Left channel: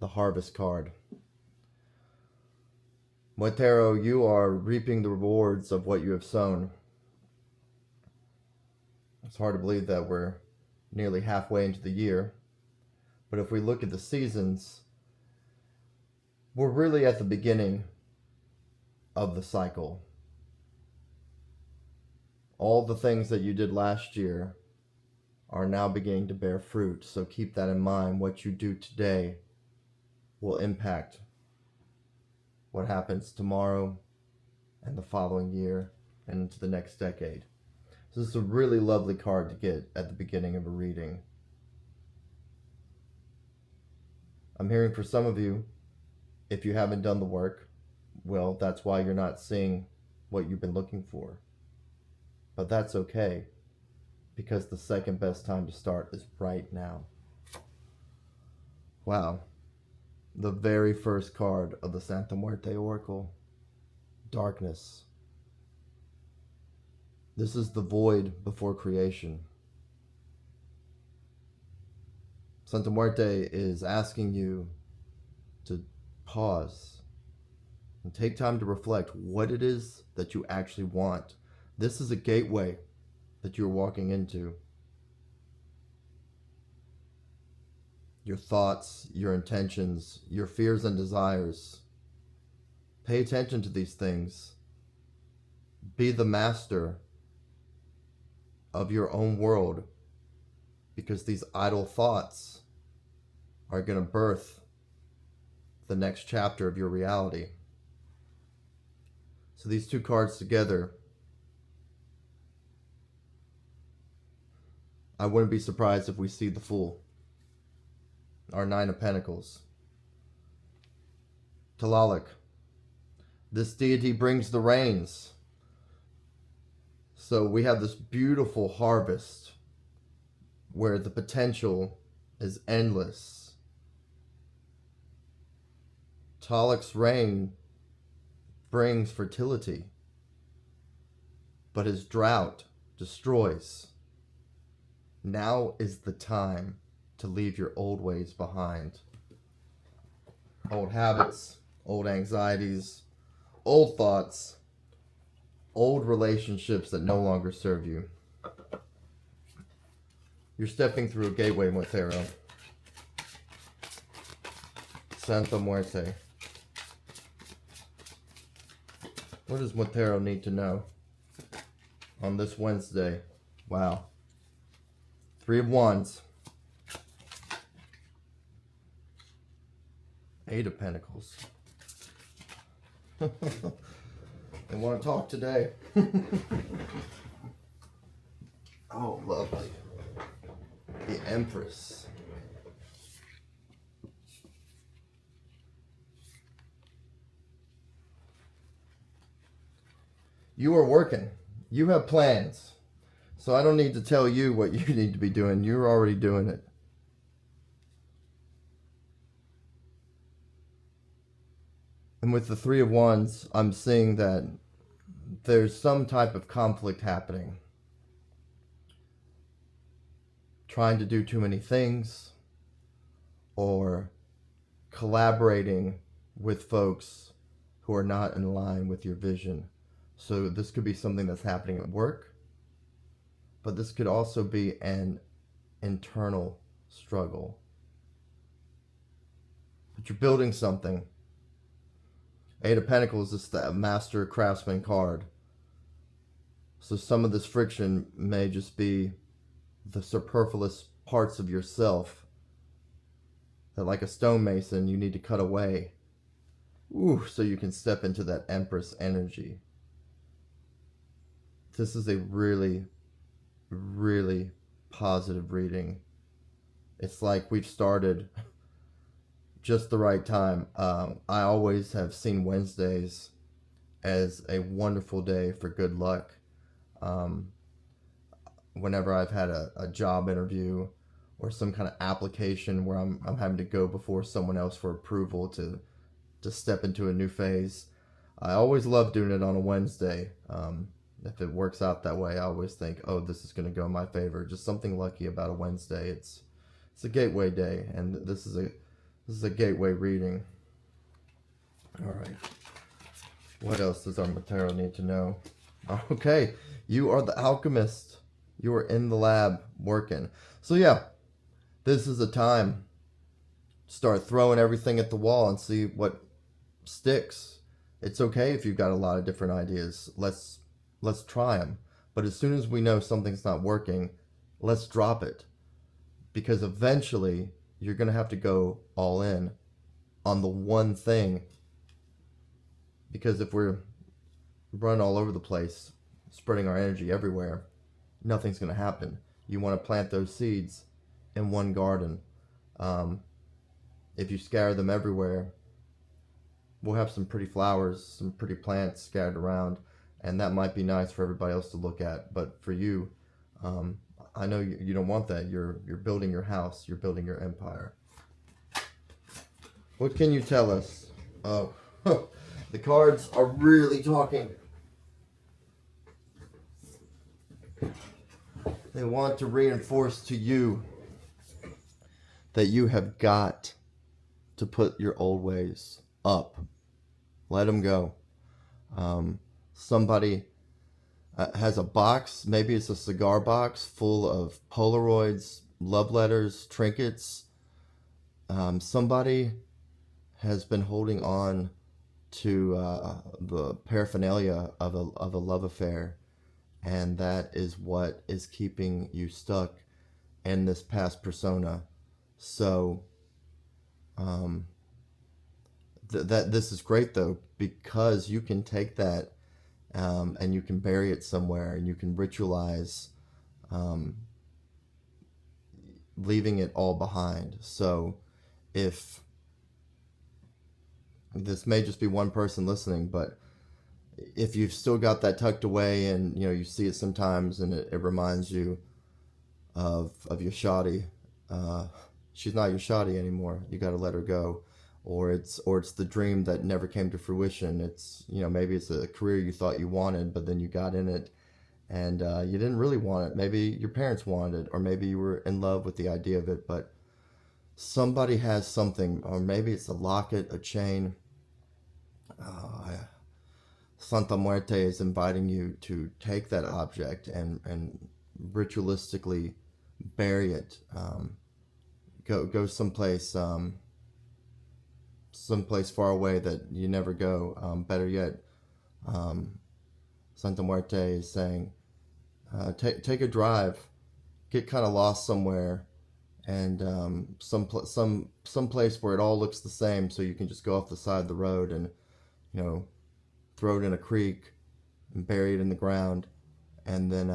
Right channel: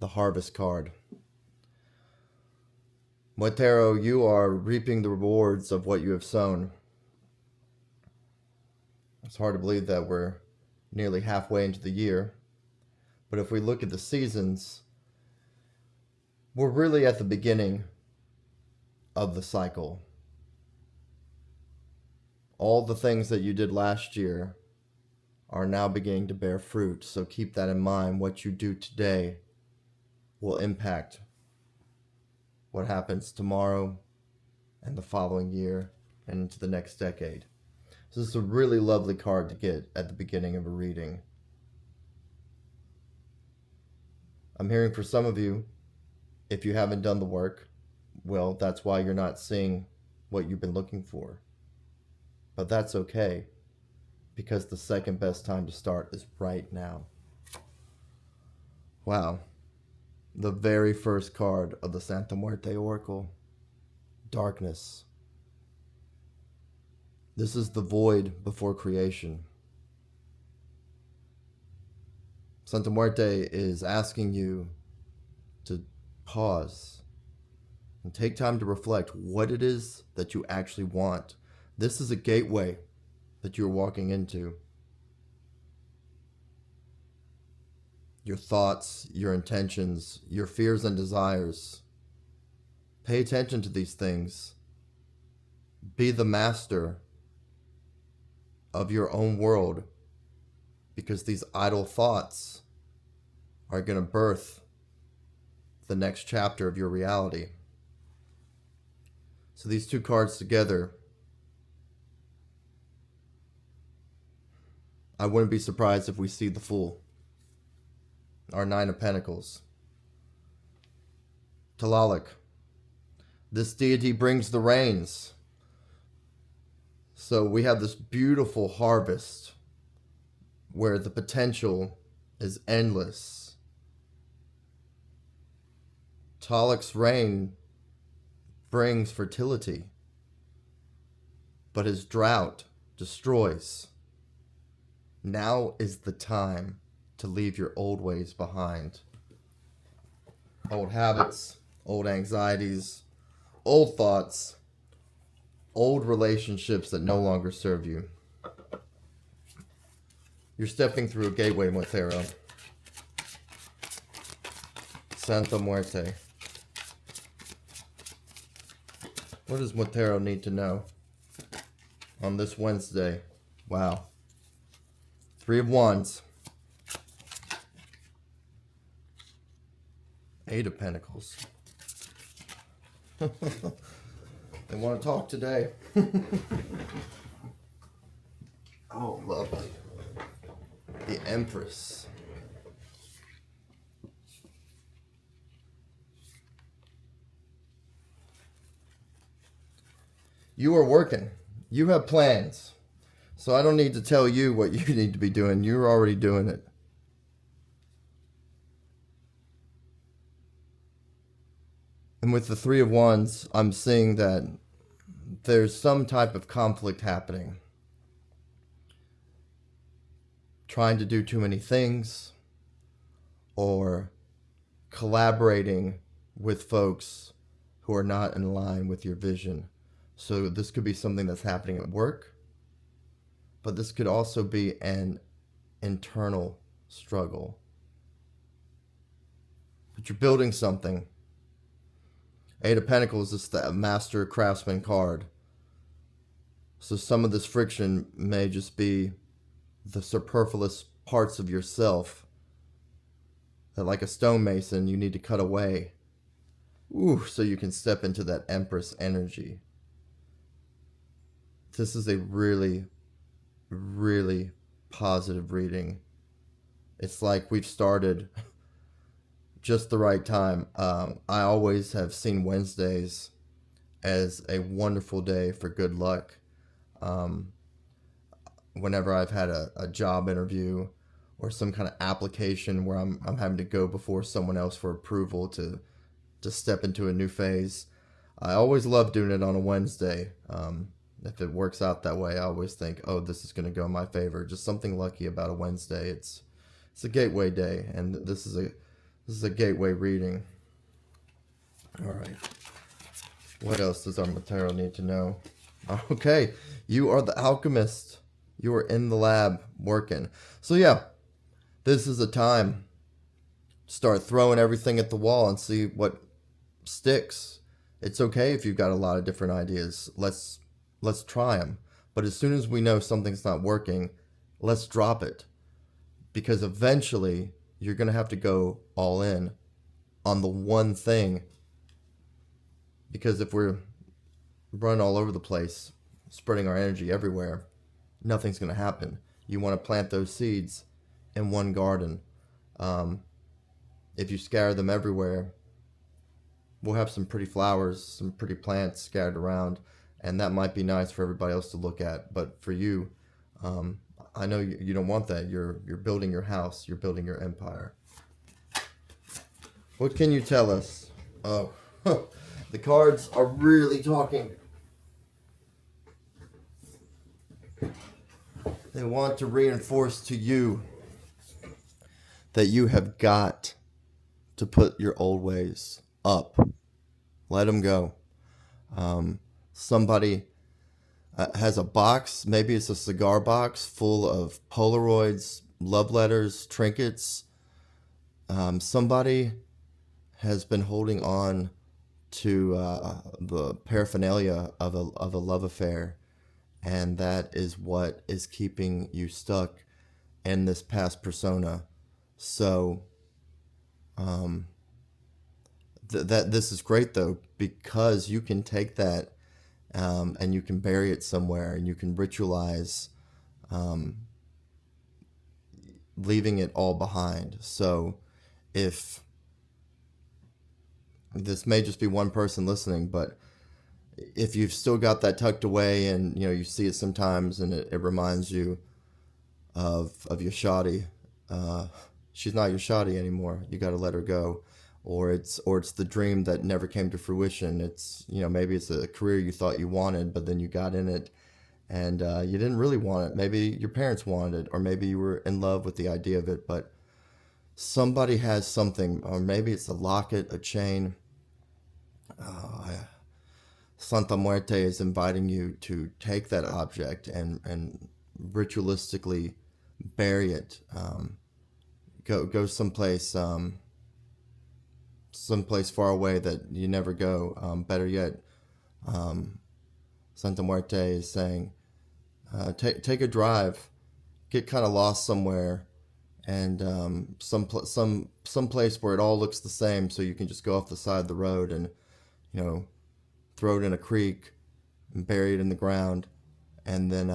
the Harvest card. Waite Tarot, you are reaping the rewards of what you have sown. It's hard to believe that we're nearly halfway into the year, but if we look at the seasons, we're really at the beginning of the cycle. All the things that you did last year are now beginning to bear fruit, so keep that in mind. What you do today will impact what happens tomorrow and the following year and into the next decade. So this is a really lovely card to get at the beginning of a reading. I'm hearing for some of you, if you haven't done the work, well, that's why you're not seeing what you've been looking for. But that's okay, because the second best time to start is right now. Wow. The very first card of the Santa Muerte Oracle, Darkness. This is the void before creation. Santa Muerte is asking you to pause and take time to reflect what it is that you actually want. This is a gateway that you're walking into. Your thoughts, your intentions, your fears and desires. Pay attention to these things. Be the master of your own world, because these idle thoughts are going to birth the next chapter of your reality. So these two cards together, I wouldn't be surprised if we see the Fool, our Nine of Pentacles. To Alec, this deity brings the rains. So we have this beautiful harvest where the potential is endless. Alec's rain brings fertility, but his drought destroys. Now is the time to leave your old ways behind. Old habits, old anxieties, old thoughts, old relationships that no longer serve you. You're stepping through a gateway, Waite Tarot. Santa Muerte. What does Waite Tarot need to know on this Wednesday? Wow. Three of Wands. Eight of Pentacles. They want to talk today. Oh, lovely. The Empress. You are working. You have plans. So I don't need to tell you what you need to be doing. You're already doing it. And with the Three of Wands, I'm seeing that there's some type of conflict happening. Trying to do too many things, or collaborating with folks who are not in line with your vision. So this could be something that's happening at work, but this could also be an internal struggle. But you're building something. Eight of Pentacles is the Master Craftsman card. So some of this friction may just be the superfluous parts of yourself that, like a stonemason, you need to cut away. Ooh, so you can step into that Empress energy. This is a really, really positive reading. It's like we've started just the right time. I always have seen Wednesdays as a wonderful day for good luck. Whenever I've had a job interview or some kind of application where I'm having to go before someone else for approval to step into a new phase, I always love doing it on a Wednesday. If it works out that way, I always think, oh, this is going to go in my favor. Just something lucky about a Wednesday. It's a gateway day, and this is This is a gateway reading. All right. What else does our tarot need to know? Okay, you are the alchemist. You are in the lab working. So yeah, this is a time. Start throwing everything at the wall and see what sticks. It's okay if you've got a lot of different ideas. Let's try them. But as soon as we know something's not working, let's drop it. Because eventually you're going to have to go all in on the one thing. Because if we're running all over the place, spreading our energy everywhere, nothing's going to happen. You want to plant those seeds in one garden. If you scatter them everywhere, we'll have some pretty flowers, some pretty plants scattered around, and that might be nice for everybody else to look at. But for you, I know you don't want that. You're building your house. You're building your empire. What can you tell us? The cards are really talking. They want to reinforce to you that you have got to put your old ways up. Let them go. Somebody has a box, maybe it's a cigar box full of Polaroids, love letters, trinkets. Somebody has been holding on to the paraphernalia of a love affair, and that is what is keeping you stuck in this past persona. So this is great though, because you can take that and you can bury it somewhere, and you can ritualize leaving it all behind. So if this may just be one person listening, but if you've still got that tucked away and you see it sometimes and it reminds you of your shoddy, she's not your shoddy anymore. You got to let her go. Or it's the dream that never came to fruition. It's maybe it's a career you thought you wanted, but then you got in it and you didn't really want it. Maybe your parents wanted it, or maybe you were in love with the idea of it, but somebody has something, or maybe it's a locket, a chain. Santa Muerte is inviting you to take that object and ritualistically bury it. Go someplace far away that you never go. Better yet, Santa Muerte is saying, take a drive, get kind of lost somewhere, and some place where it all looks the same, so you can just go off the side of the road and throw it in a creek and bury it in the ground, and then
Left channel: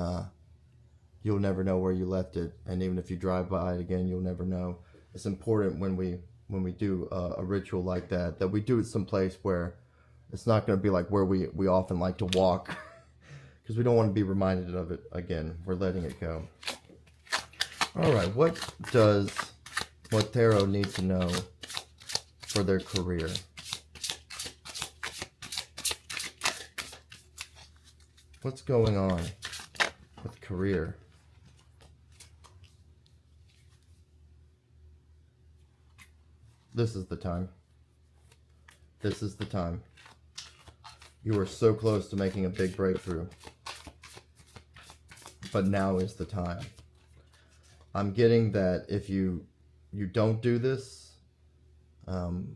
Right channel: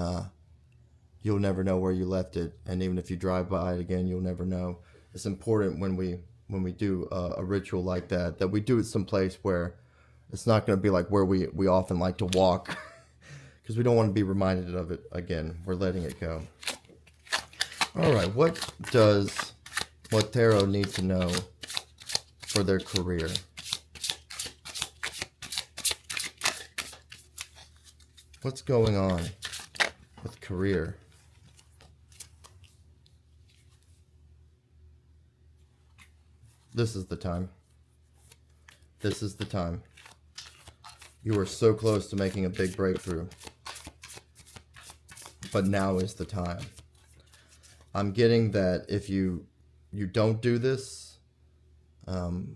you'll never know where you left it. And even if you drive by it again, you'll never know. It's important when we do a ritual like that we do it someplace where it's not going to be like where we often like to walk, because we don't want to be reminded of it again. We're letting it go. All right, what does tarot need to know for their career? What's going on with career? This is the time. This is the time. You are so close to making a big breakthrough. But now is the time. I'm getting that if you don't do this,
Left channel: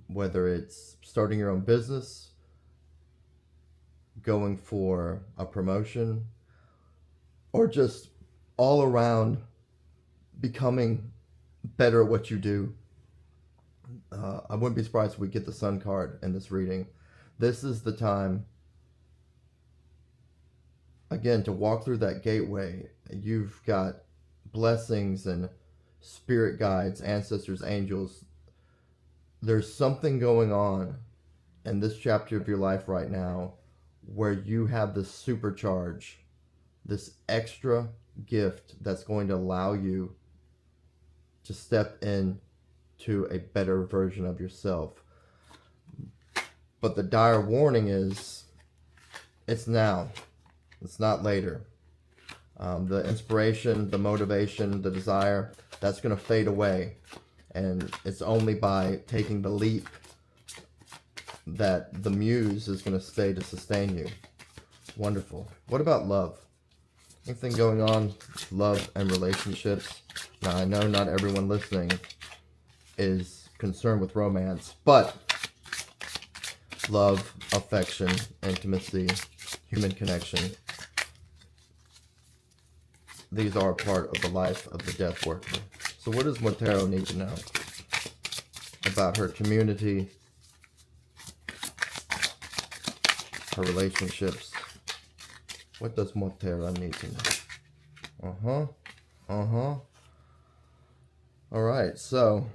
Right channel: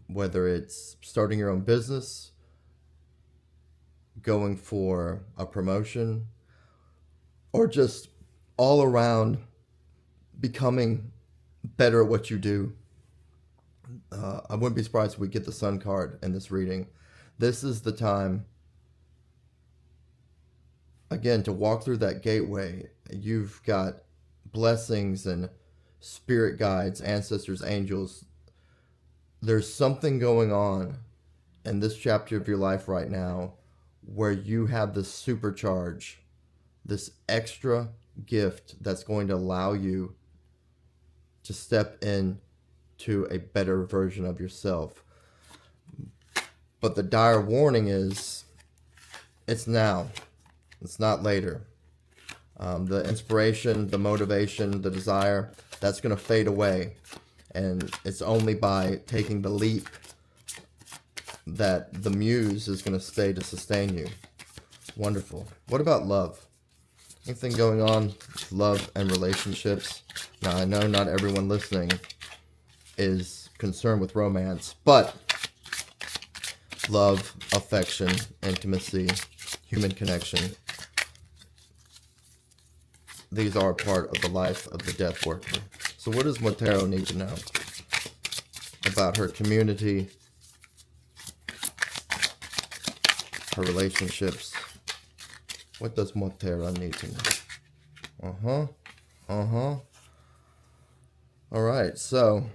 whether it's starting your own business, going for a promotion, or just all around becoming better at what you do, I wouldn't be surprised if we get the Sun card in this reading. This is the time, again, to walk through that gateway. You've got blessings and spirit guides, ancestors, angels. There's something going on in this chapter of your life right now where you have this supercharge, this extra gift that's going to allow you to step in to a better version of yourself. But the dire warning is, it's now. It's not later. The inspiration, the motivation, the desire, that's going to fade away. And it's only by taking the leap that the muse is going to stay to sustain you. Wonderful. What about love? Anything going on with love and relationships? Now, I know not everyone listening is concerned with romance, but love, affection, intimacy, human connection, these are a part of the life of the death worker. So what does Motero need to know about her community, her relationships? What does Motero need to know? All right, so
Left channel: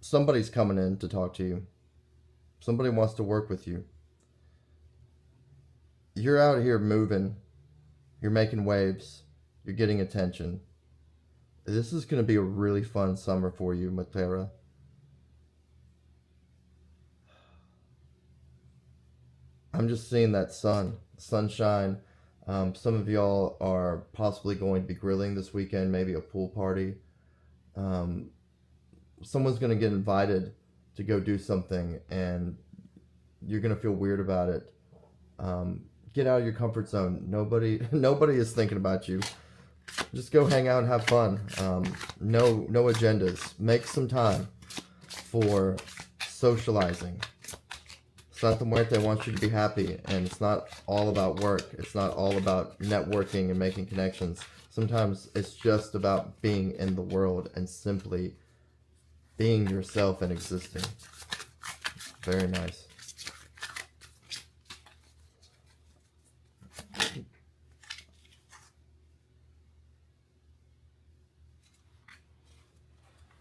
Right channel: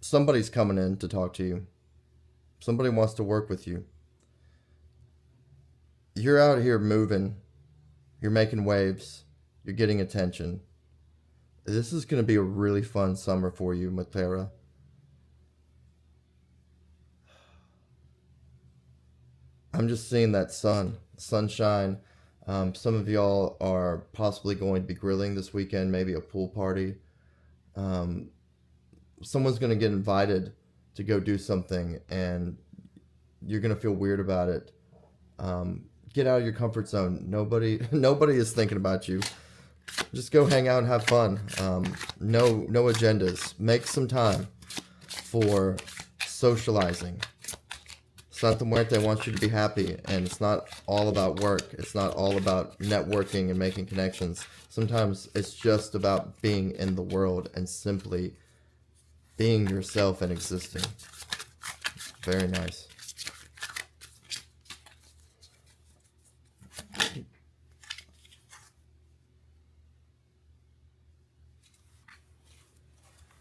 somebody's coming in to talk to you. Somebody wants to work with you. You're out here moving. You're making waves. You're getting attention. This is going to be a really fun summer for you, Motero. I'm just seeing that sunshine. Some of y'all are possibly going to be grilling this weekend, maybe a pool party. Someone's going to get invited to go do something, and you're going to feel weird about it. Get out of your comfort zone. Nobody is thinking about you. Just go hang out and have fun. No agendas. Make some time for socializing. Santa Muerte wants you to be happy, and it's not all about work. It's not all about networking and making connections. Sometimes it's just about being in the world and simply being yourself and existing. Very nice.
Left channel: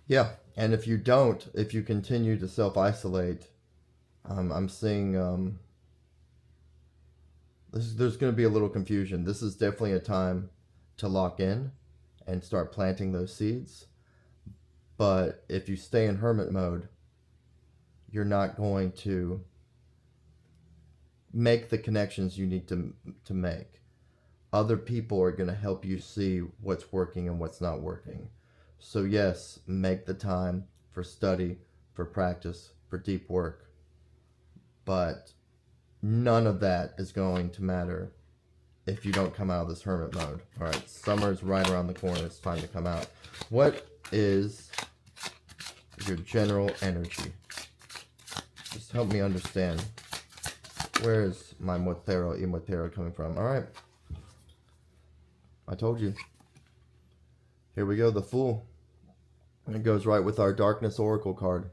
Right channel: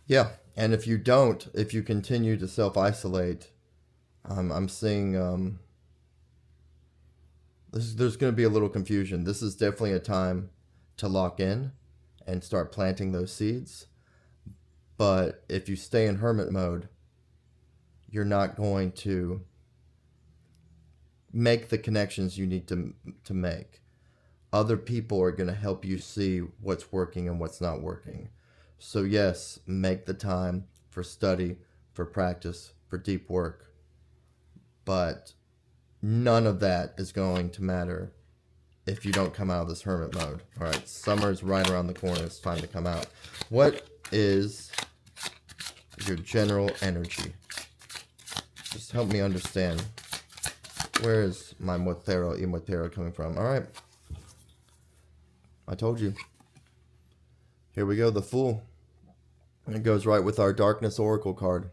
Yeah, and if you continue to self-isolate, I'm seeing there's going to be a little confusion. This is definitely a time to lock in and start planting those seeds. But if you stay in hermit mode, you're not going to make the connections you need to make. Other people are going to help you see what's working and what's not working. So yes, make the time for study, for practice, for deep work. But none of that is going to matter if you don't come out of this hermit mode. All right, summer's right around the corner. It's time to come out. What is your general energy? Just help me understand. Where is my Motero coming from? All right. I told you. Here we go, the Fool. And it goes right with our Darkness Oracle card.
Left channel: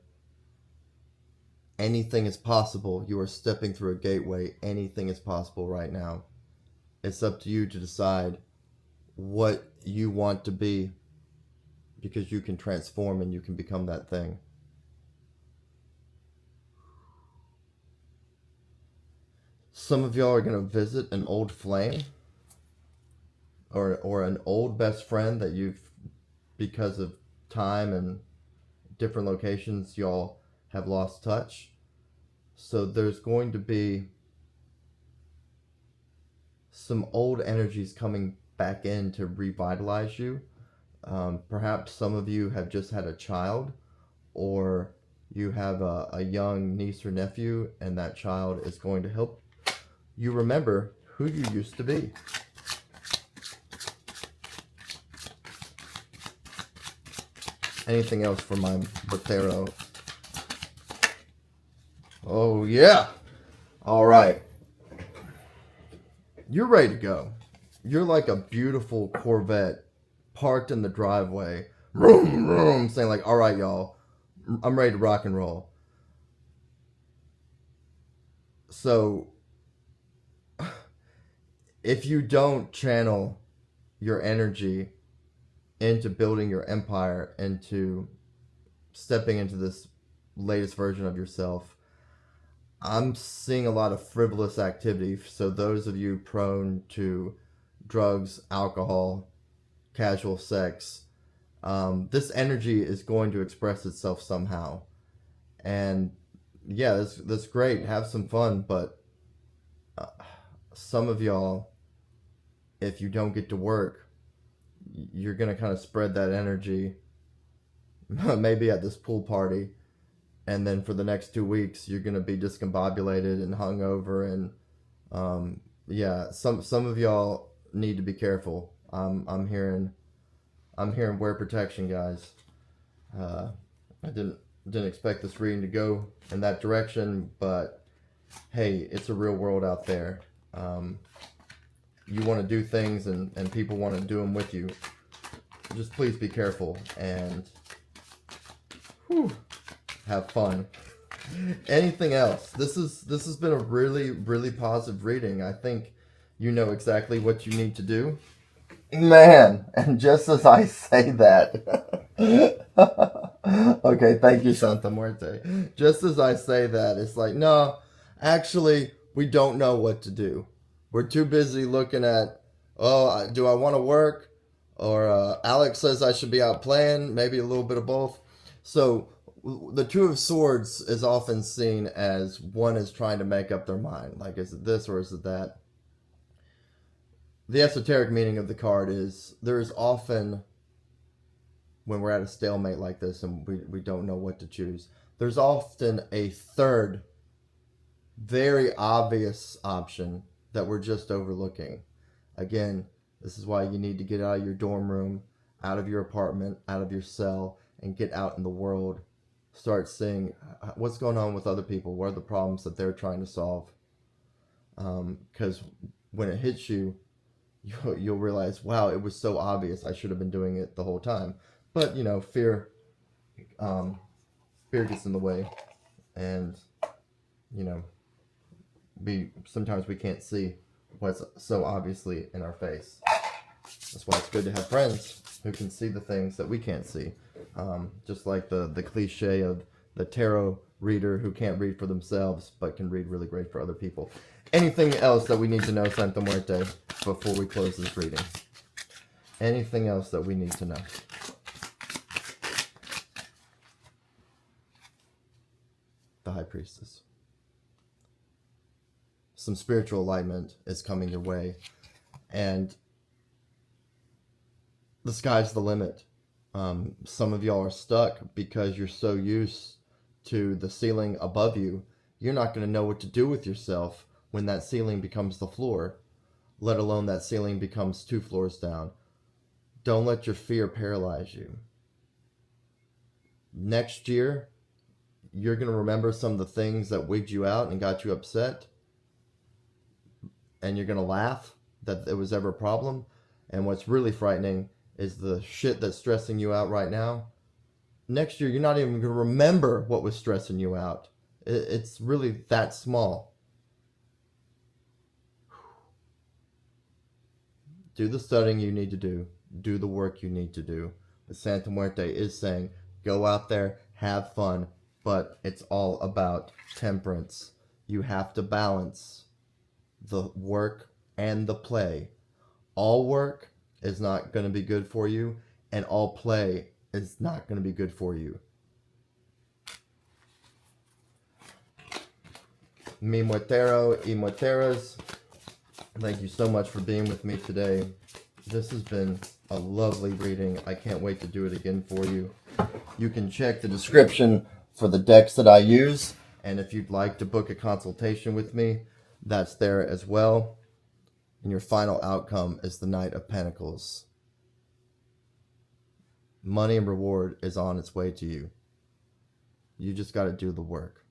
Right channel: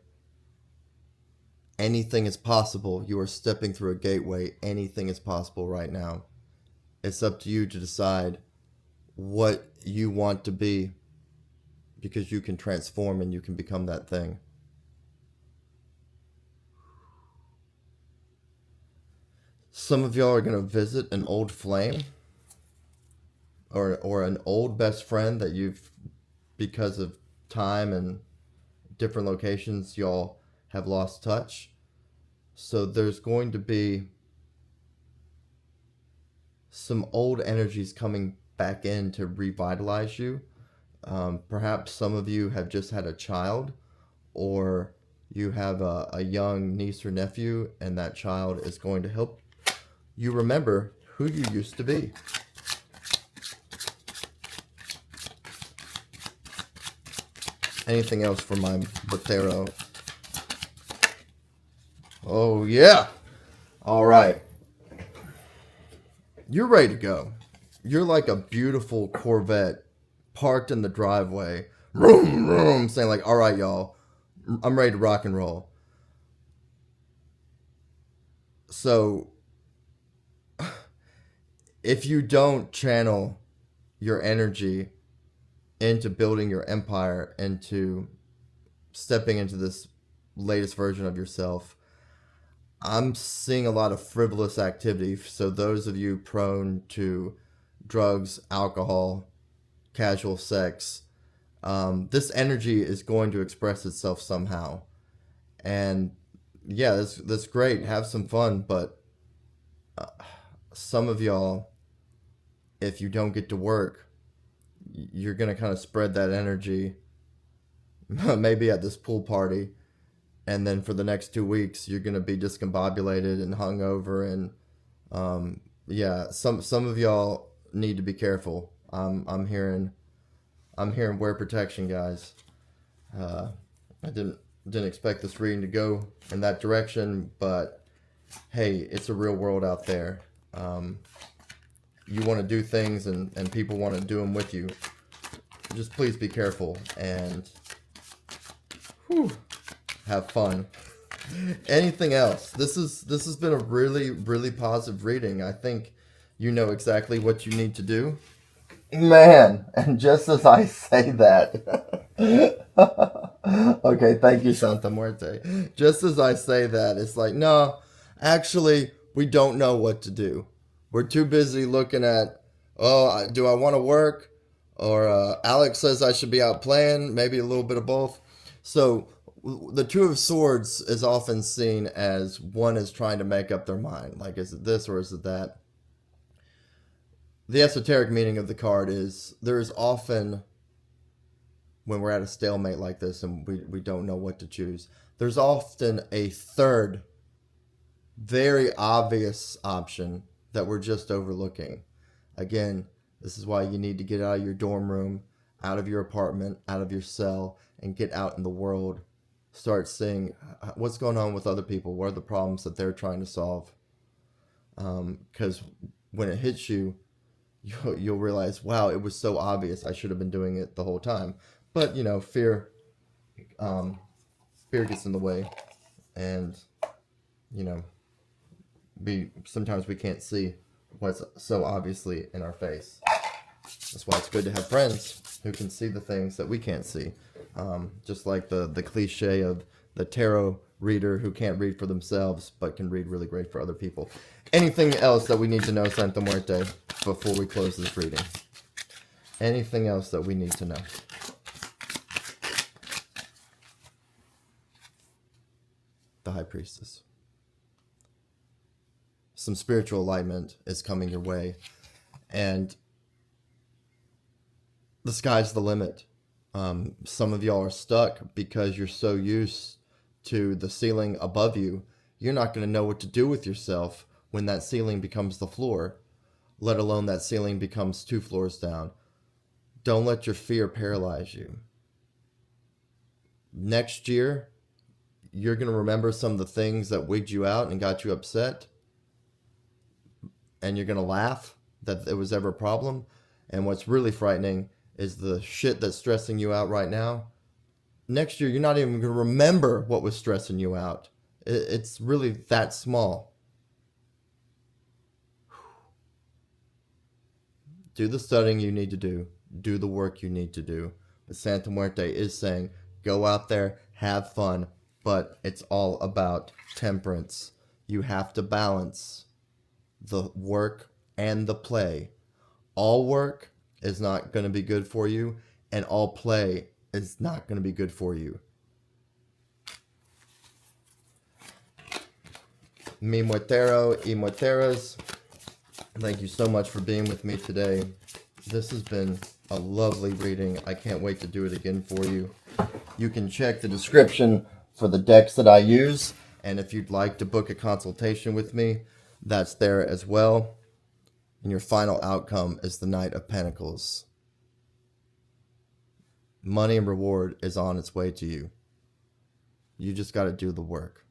Anything is possible. You are stepping through a gateway. Anything is possible right now. It's up to you to decide what you want to be, because you can transform and you can become that thing. Some of y'all are going to visit an old flame or an old best friend that you've, because of time and different locations, y'all have lost touch. So there's going to be some old energies coming back in to revitalize you. Perhaps some of you have just had a child, or you have a young niece or nephew, and that child is going to help you remember who you used to be. Anything else for my Motero? Oh, yeah. All right. You're ready to go. You're like a beautiful Corvette parked in the driveway. Vroom, vroom, saying like, all right, y'all, I'm ready to rock and roll. So, if you don't channel your energy into building your empire, into stepping into this latest version of yourself, I'm seeing a lot of frivolous activity. So those of you prone to drugs, alcohol, casual sex, this energy is going to express itself somehow. And yeah, that's great. Have some fun. But some of y'all, if you don't get to work, you're going to kind of spread that energy maybe at this pool party, and then for the next 2 weeks you're gonna be discombobulated and hungover, and yeah, some of y'all need to be careful. I'm hearing wear protection, guys. I didn't expect this reading to go in that direction, but hey, it's a real world out there. You want to do things, and people want to do them with you. Just please be careful and have fun. Anything else? This has been a really positive reading. I think you know exactly what you need to do. Man, and just as I say that, okay, thank you, Santa Muerte. Just as I say that, it's like, no, actually, we don't know what to do. We're too busy looking at, oh, do I want to work? Or Alec says I should be out playing, maybe a little bit of both. So the Two of Swords is often seen as one is trying to make up their mind. Like, is it this or is it that? The esoteric meaning of the card is there is often, when we're at a stalemate like this and we don't know what to choose, there's often a third, very obvious option that we're just overlooking. Again, this is why you need to get out of your dorm room, out of your apartment, out of your cell, and get out in the world. Start seeing what's going on with other people. What are the problems that they're trying to solve? Because when it hits you, you'll realize, wow, it was so obvious. I should have been doing it the whole time. But, you know, fear gets in the way. And, you know, sometimes we can't see what's so obviously in our face. That's why it's good to have friends who can see the things that we can't see. Just like the cliche of the tarot reader who can't read for themselves but can read really great for other people. Anything else that we need to know, Santa Muerte, before we close this reading? Anything else that we need to know? The High Priestess. Some spiritual alignment is coming your way, and the sky's the limit. Some of y'all are stuck because you're so used to the ceiling above you. You're not going to know what to do with yourself when that ceiling becomes the floor, let alone that ceiling becomes 2 floors down. Don't let your fear paralyze you. Next year, you're going to remember some of the things that wigged you out and got you upset, and you're going to laugh that it was ever a problem. And what's really frightening is the shit that's stressing you out right now. Next year, you're not even going to remember what was stressing you out. It's really that small. Do the studying you need to do. Do the work you need to do. The Santa Muerte is saying, go out there, have fun, but it's all about temperance. You have to balance the work and the play. All work is not going to be good for you, and all play is not going to be good for you. Mi muertero y muerteras, thank you so much for being with me today. This has been a lovely reading. I can't wait to do it again for you. You can check the description for the decks that I use, and if you'd like to book a consultation with me, that's there as well. And your final outcome is the Knight of Pentacles. Money and reward is on its way to you. You just got to do the work.